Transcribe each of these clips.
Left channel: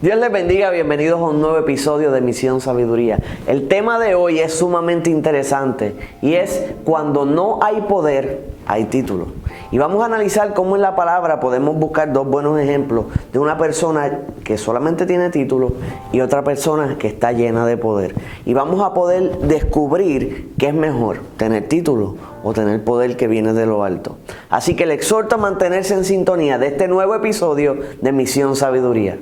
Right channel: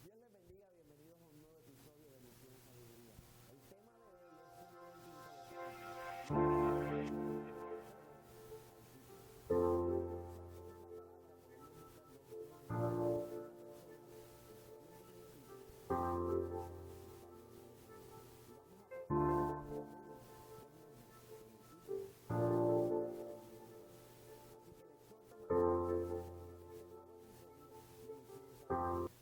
Dios les bendiga, bienvenidos a un nuevo episodio de Misión Sabiduría. El tema de hoy es sumamente interesante y es cuando no hay poder, hay título. Y vamos a analizar cómo en la palabra podemos buscar dos buenos ejemplos de una persona que solamente tiene título y otra persona que está llena de poder. Y vamos a poder descubrir qué es mejor, tener título o tener poder que viene de lo alto. Así que le exhorto a mantenerse en sintonía de este nuevo episodio de Misión Sabiduría.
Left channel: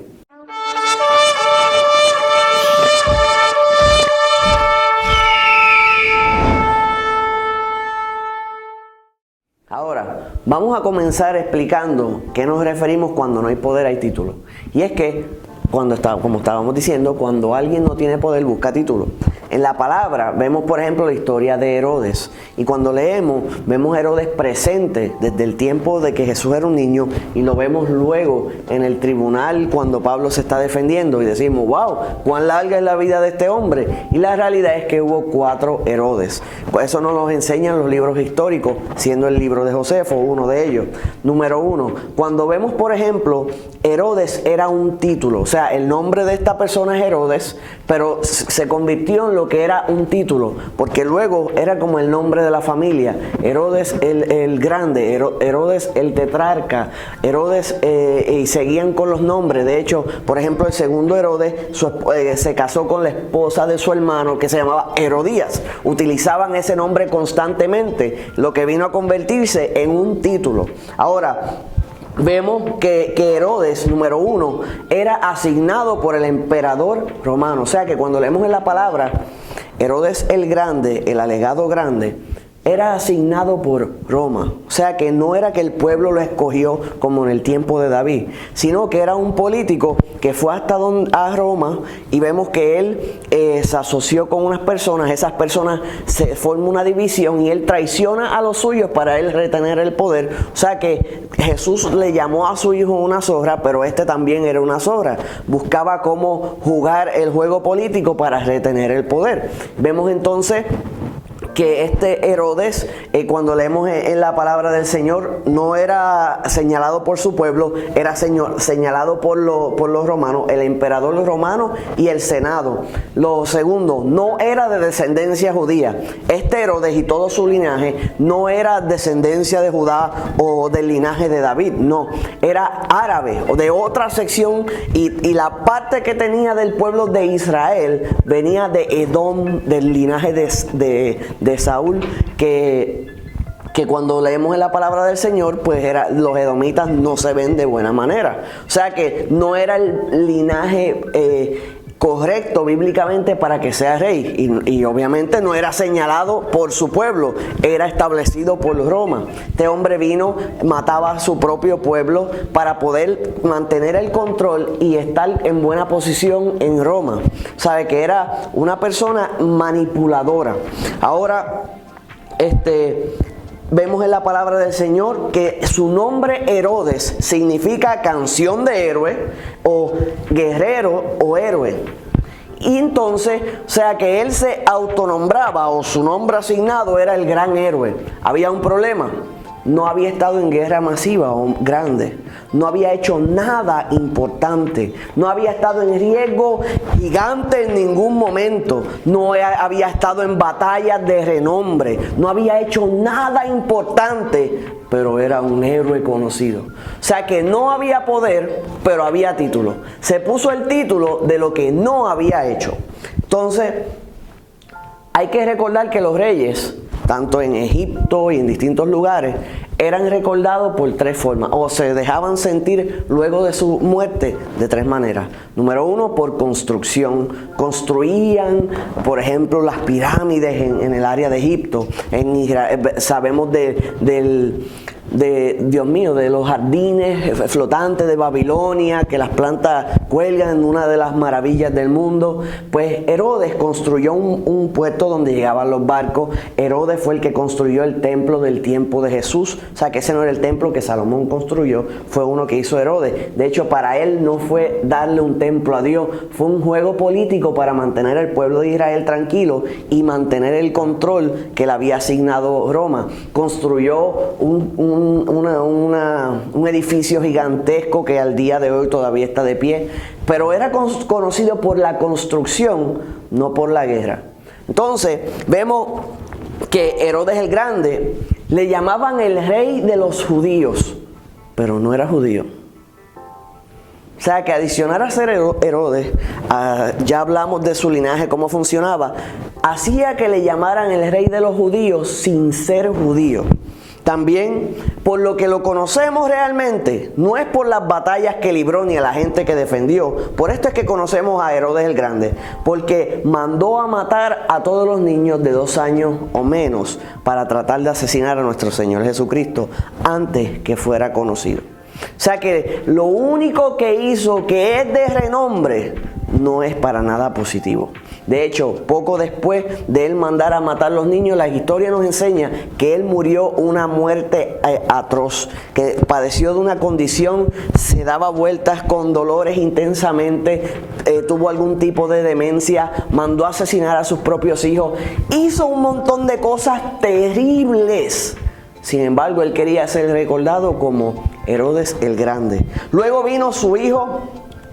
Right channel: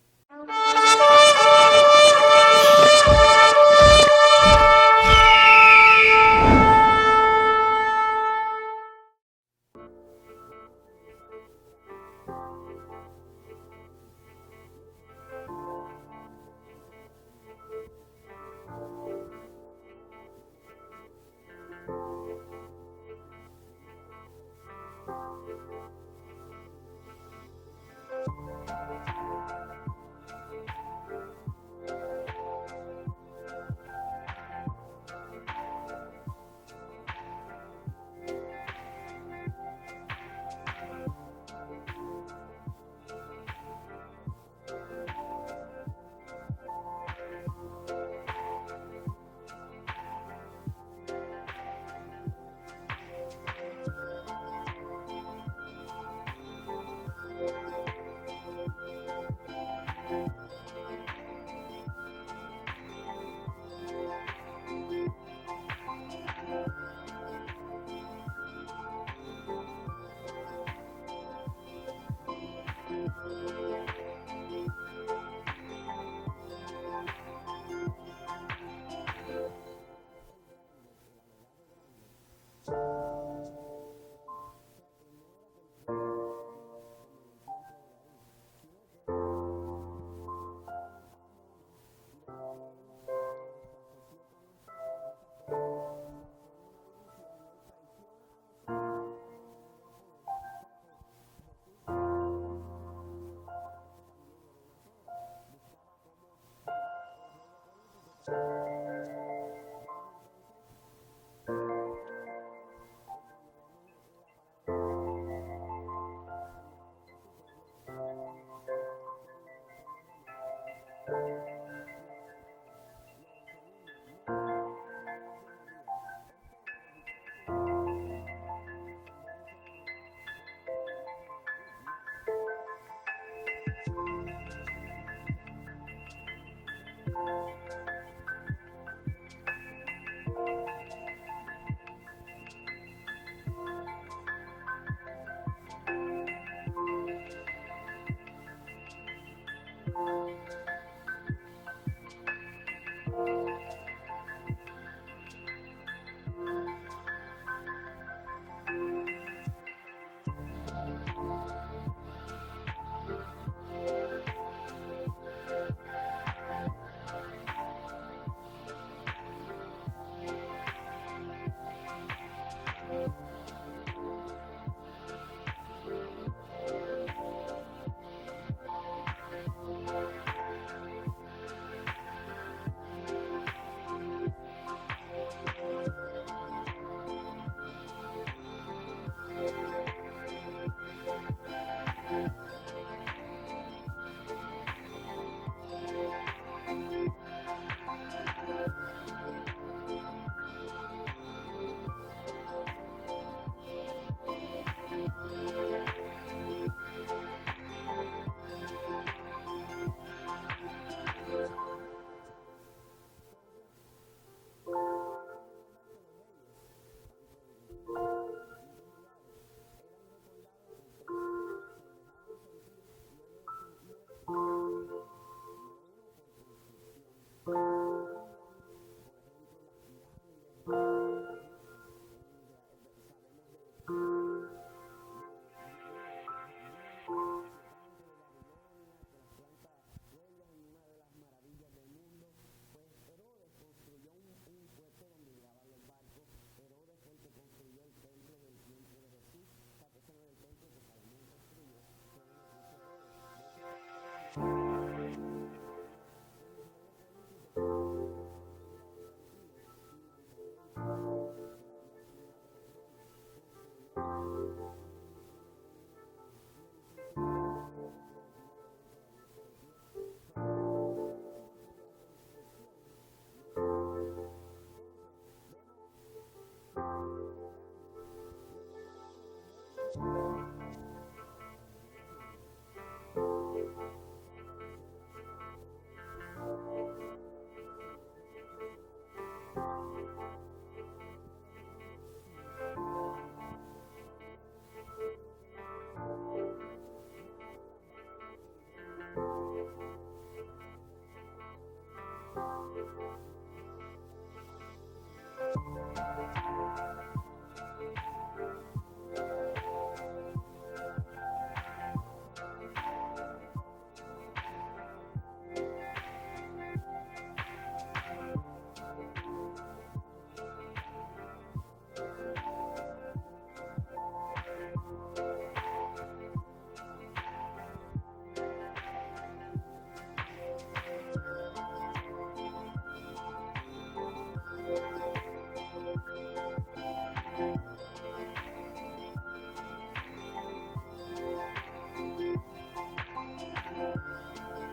Ahora, vamos a comenzar explicando qué nos referimos cuando no hay poder, hay título. Y es que, como estábamos diciendo, cuando alguien no tiene poder, busca título. En la palabra vemos, por ejemplo, la historia de Herodes. Y cuando leemos, vemos a Herodes presente desde el tiempo de que Jesús era un niño. Y lo vemos luego en el tribunal cuando Pablo se está defendiendo. Y decimos, wow, cuán larga es la vida de este hombre. Y la realidad es que hubo 4 Herodes. Pues eso nos lo enseñan los libros históricos, siendo el libro de Josefo uno de ellos. Número 1, cuando vemos, por ejemplo, Herodes era un título. O sea, el nombre de esta persona es Herodes, pero se convirtió en lo que era un título, porque luego era como el nombre de la familia. Herodes el grande, Herodes el tetrarca, Herodes, y seguían con los nombres. De hecho, por ejemplo, el segundo Herodes se casó con la esposa de su hermano, que se llamaba Herodías. Utilizaban ese nombre constantemente, lo que vino a convertirse en un título. Ahora, vemos que Herodes, número 1, era asignado por el emperador romano. O sea que cuando leemos en la palabra, Herodes el Grande, el alegado grande, era asignado por Roma. O sea que no era que el pueblo lo escogió como en el tiempo de David, sino que era un político que fue hasta a Roma, y vemos que él se asoció con unas personas. Esas personas se forman una división y él traiciona a los suyos para él retener el poder. O sea que Jesús le llamó a su hijo una zorra, pero este también era una zorra. Buscaba cómo jugar el juego político para retener el poder. Vemos entonces que este Herodes, cuando leemos en la palabra del Señor, no era señalado por su pueblo, era señalado por los romanos, el emperador romano y el senado. Lo segundo, no era de descendencia judía. Este Herodes y todo su linaje no era descendencia de Judá o del linaje de David, no, era árabe o de otra sección, y la parte que tenía del pueblo de Israel venía de Edom, del linaje de Saúl, que cuando leemos en la palabra del Señor, pues los edomitas no se ven de buena manera. O sea que no era el linaje correcto bíblicamente para que sea rey, y obviamente no era señalado por su pueblo, era establecido por Roma. Este hombre vino, mataba a su propio pueblo para poder mantener el control y estar en buena posición en Roma. Sabe que era una persona manipuladora. Ahora, vemos en la palabra del Señor que su nombre Herodes significa canción de héroe, o guerrero o héroe. Y entonces, o sea que él se autonombraba, o su nombre asignado era el gran héroe. Había un problema: no había estado en guerra masiva o grande, no había hecho nada importante, no había estado en riesgo gigante en ningún momento, no había estado en batallas de renombre, no había hecho nada importante, pero era un héroe conocido. O sea que no había poder, pero había título. Se puso el título de lo que no había hecho. Entonces, hay que recordar que los reyes, tanto en Egipto y en distintos lugares, eran recordados por 3 formas, o se dejaban sentir luego de su muerte de 3 maneras. Número 1, por construcción. Construían, por ejemplo, las pirámides en el área de Egipto. En Israel, sabemos de los jardines flotantes de Babilonia, que las plantas cuelgan en una de las maravillas del mundo. Pues Herodes construyó un puerto donde llegaban los barcos. Herodes fue el que construyó el templo del tiempo de Jesús, O sea que ese no era el templo que Salomón construyó, fue uno que hizo Herodes. De hecho, para él no fue darle un templo a Dios, fue un juego político para mantener al pueblo de Israel tranquilo y mantener el control que le había asignado Roma. Construyó un edificio gigantesco que al día de hoy todavía está de pie, pero era conocido por la construcción, no por la guerra. Entonces, vemos que Herodes el Grande le llamaban el rey de los judíos, pero no era judío. O sea que adicionar a ser Herodes, ya hablamos de su linaje, cómo funcionaba, hacía que le llamaran el rey de los judíos sin ser judío. También, por lo que lo conocemos realmente, no es por las batallas que libró ni a la gente que defendió. Por esto es que conocemos a Herodes el Grande, porque mandó a matar a todos los niños de 2 años o menos para tratar de asesinar a nuestro Señor Jesucristo antes que fuera conocido. O sea que lo único que hizo que es de renombre no es para nada positivo. De hecho, poco después de él mandar a matar a los niños, la historia nos enseña que él murió una muerte atroz, que padeció de una condición, se daba vueltas con dolores intensamente, tuvo algún tipo de demencia, mandó a asesinar a sus propios hijos, hizo un montón de cosas terribles. Sin embargo, él quería ser recordado como Herodes el Grande. Luego vino su hijo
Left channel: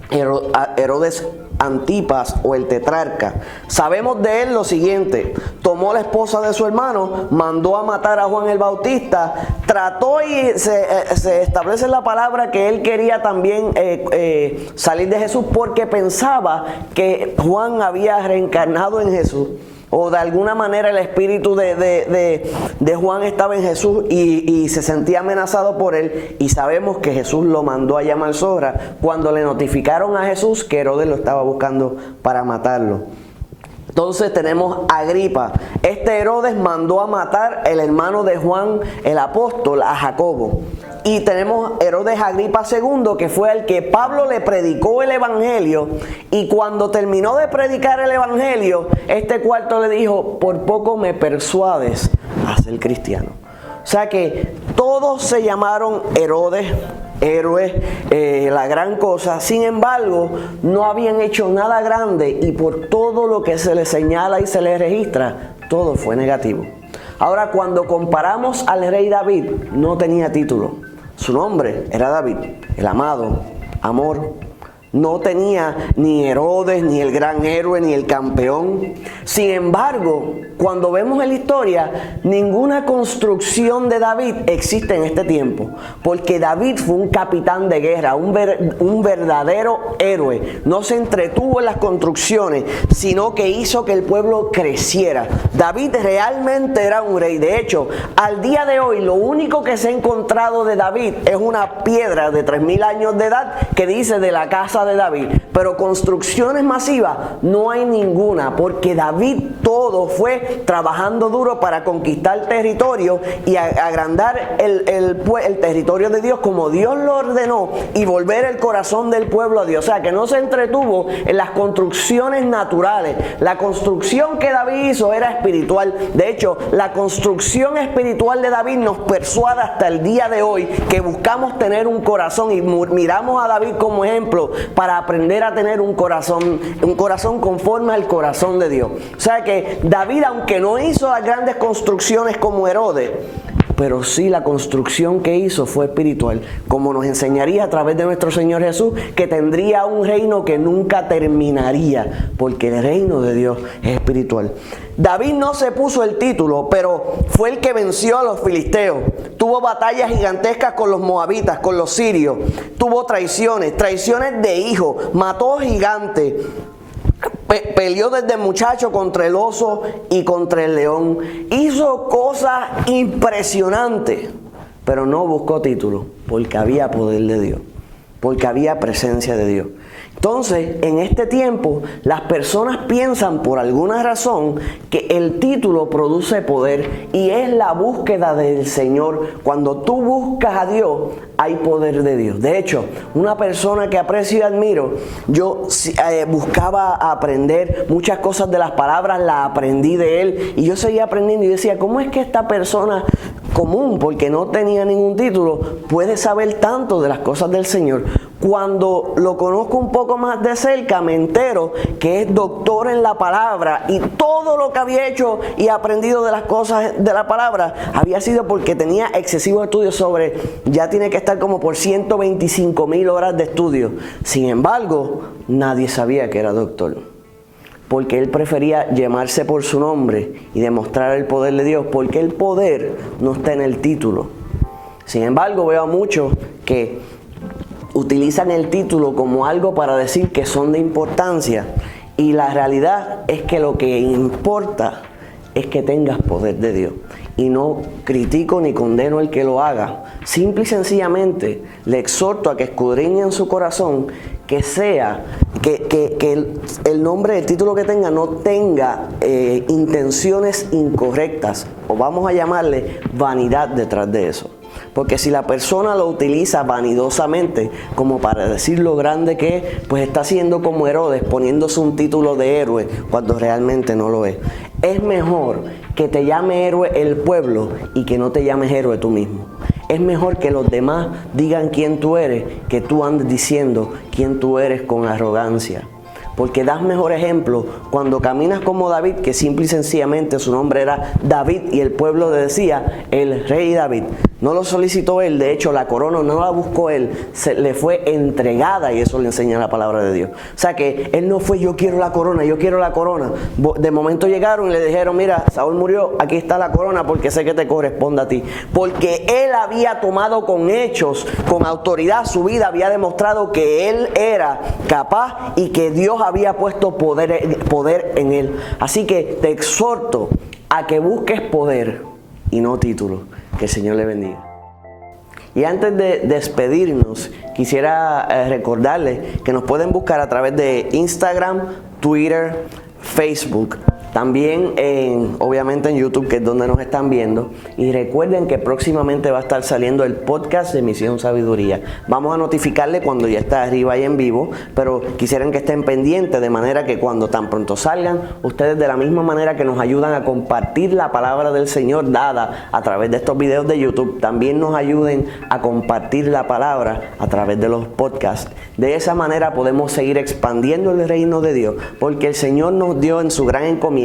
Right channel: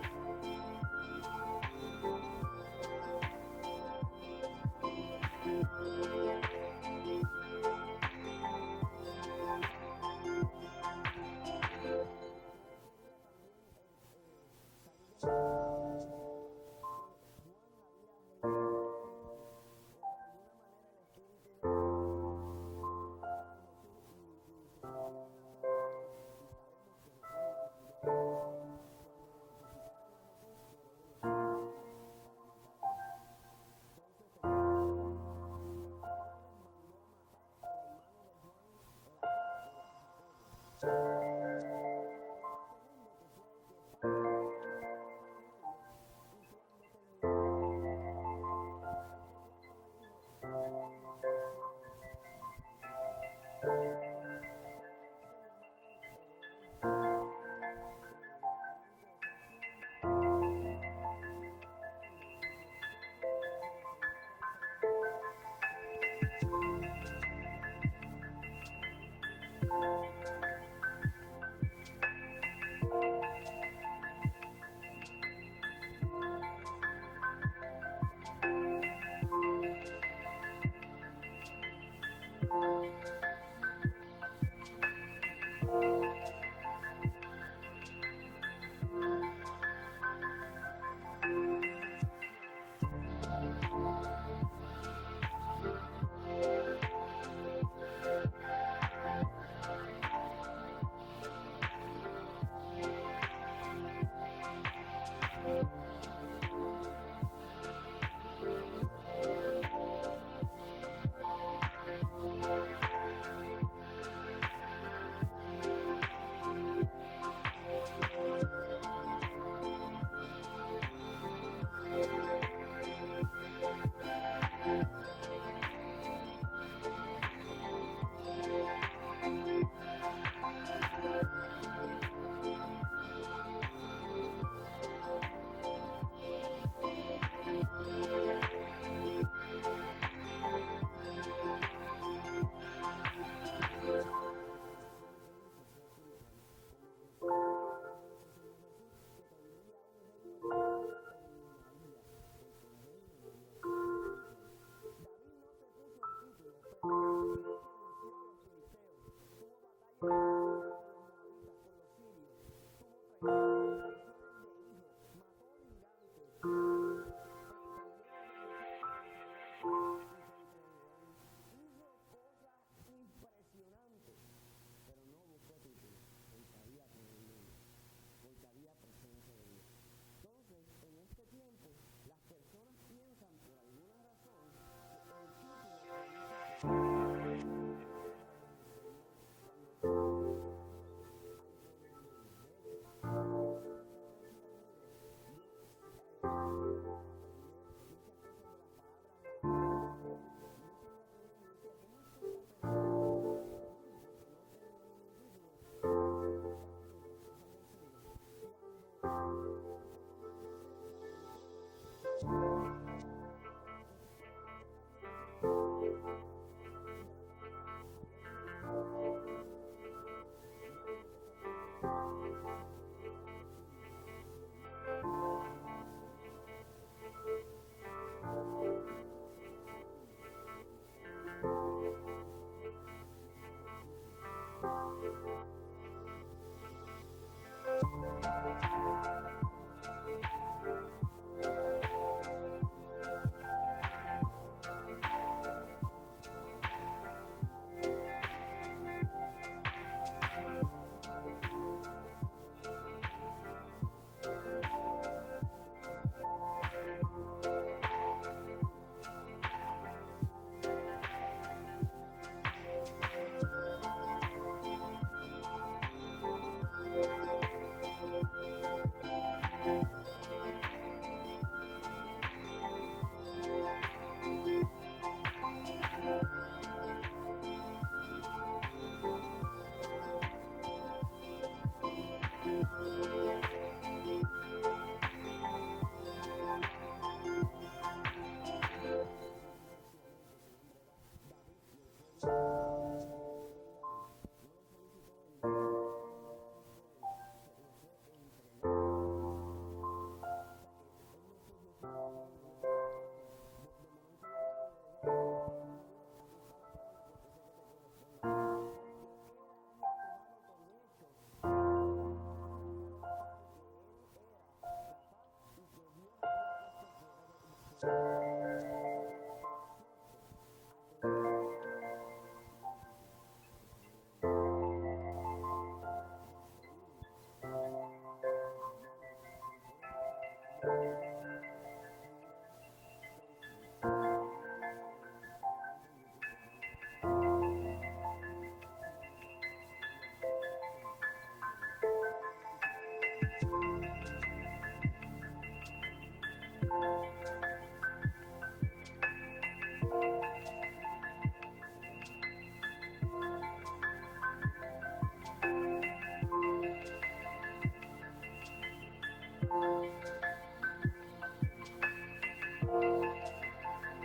Herodes Antipas o el tetrarca. Sabemos de él lo siguiente: tomó la esposa de su hermano, mandó a matar a Juan el Bautista, trató y se establece en la palabra que él quería también salir de Jesús porque pensaba que Juan había reencarnado en Jesús. O de alguna manera el espíritu de Juan estaba en Jesús y se sentía amenazado por él. Y sabemos que Jesús lo mandó a llamar zorra cuando le notificaron a Jesús que Herodes lo estaba buscando para matarlo. Entonces tenemos a Agripa. Este Herodes mandó a matar el hermano de Juan el apóstol, a Jacobo. Y tenemos Herodes Agripa II, que fue el que Pablo le predicó el evangelio. Y cuando terminó de predicar el evangelio, este cuarto le dijo: por poco me persuades a ser cristiano. O sea que todos se llamaron Herodes, héroes, la gran cosa. Sin embargo, no habían hecho nada grande y por todo lo que se les señala y se les registra, todo fue negativo. Ahora, cuando comparamos al rey David, no tenía título. Su nombre era David, el amado, amor. No tenía ni Herodes, ni el gran héroe, ni el campeón. Sin embargo, cuando vemos en la historia, ninguna construcción de David existe en este tiempo. Porque David fue un capitán de guerra, un verdadero héroe. No se entretuvo en las construcciones, sino que hizo que el pueblo creciera. David realmente era un rey. De hecho, al día de hoy, lo único que se ha encontrado de David es una piedra de 3000 años de edad que dice de la casa de David, pero construcciones masivas no hay ninguna, porque David todo fue trabajando duro para conquistar territorio y agrandar el territorio de Dios como Dios lo ordenó y volver el corazón del pueblo a Dios. O sea que no se entretuvo en las construcciones naturales. La construcción que David hizo era espiritual. De hecho, la construcción espiritual de David nos persuade hasta el día de hoy que buscamos tener un corazón y miramos a David como ejemplo para aprender a tener un corazón conforme al corazón de Dios. O sea que David, aunque no hizo las grandes construcciones como Herodes, pero sí la construcción que hizo fue espiritual, como nos enseñaría a través de nuestro Señor Jesús, que tendría un reino que nunca terminaría, porque el reino de Dios es espiritual. David no se puso el título, pero fue el que venció a los filisteos. Tuvo batallas gigantescas con los moabitas, con los sirios. Tuvo traiciones de hijos, mató gigantes. Peleó desde muchacho contra el oso y contra el león. Hizo cosas impresionantes, pero no buscó título, porque había poder de Dios, porque había presencia de Dios. Entonces, en este tiempo, las personas piensan por alguna razón que el título produce poder y es la búsqueda del Señor. Cuando tú buscas a Dios, hay poder de Dios. De hecho, una persona que aprecio y admiro, yo buscaba aprender muchas cosas de las palabras, las aprendí de él y yo seguía aprendiendo y decía, ¿cómo es que esta persona común, porque no tenía ningún título, puede saber tanto de las cosas del Señor. Cuando lo conozco un poco más de cerca, me entero que es doctor en la palabra y todo lo que había hecho y aprendido de las cosas de la palabra había sido porque tenía excesivos estudios sobre, ya tiene que estar como por 125,000 horas de estudio. Sin embargo, nadie sabía que era doctor, porque él prefería llamarse por su nombre y demostrar el poder de Dios, porque el poder no está en el título. Sin embargo, veo a muchos que utilizan el título como algo para decir que son de importancia, y la realidad es que lo que importa es que tengas poder de Dios. Y no critico ni condeno el que lo haga, simple y sencillamente le exhorto a que escudriñe en su corazón que sea, que el nombre, el título que tenga no tenga intenciones incorrectas, o vamos a llamarle vanidad detrás de eso. Porque si la persona lo utiliza vanidosamente como para decir lo grande que es, pues está siendo como Herodes, poniéndose un título de héroe cuando realmente no lo es. Es mejor que te llame héroe el pueblo y que no te llames héroe tú mismo. Es mejor que los demás digan quién tú eres, que tú andes diciendo quién tú eres con arrogancia. Porque das mejor ejemplo cuando caminas como David, que simple y sencillamente su nombre era David y el pueblo le decía el rey David. No lo solicitó él, de hecho la corona no la buscó él, le fue entregada, y eso le enseña la palabra de Dios. O sea que él no fue yo quiero la corona, yo quiero la corona. De momento llegaron y le dijeron, mira, Saúl murió, aquí está la corona porque sé que te corresponde a ti. Porque él había tomado con hechos, con autoridad su vida, había demostrado que él era capaz y que Dios había puesto poder en él. Así que te exhorto a que busques poder y no título. Que el Señor le bendiga. Y antes de despedirnos, quisiera recordarles que nos pueden buscar a través de Instagram, Twitter, Facebook. También obviamente en YouTube, que es donde nos están viendo. Y recuerden que próximamente va a estar saliendo el podcast de Misión Sabiduría. Vamos a notificarle cuando ya está arriba y en vivo, pero quisieran que estén pendientes, de manera que cuando tan pronto salgan, ustedes de la misma manera que nos ayudan a compartir la palabra del Señor dada a través de estos videos de YouTube, también nos ayuden a compartir la palabra a través de los podcasts. De esa manera podemos seguir expandiendo el reino de Dios, porque el Señor nos dio en su gran encomienda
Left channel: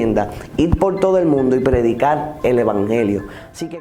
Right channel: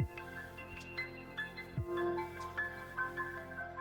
ir por todo el mundo y predicar el Evangelio. Así que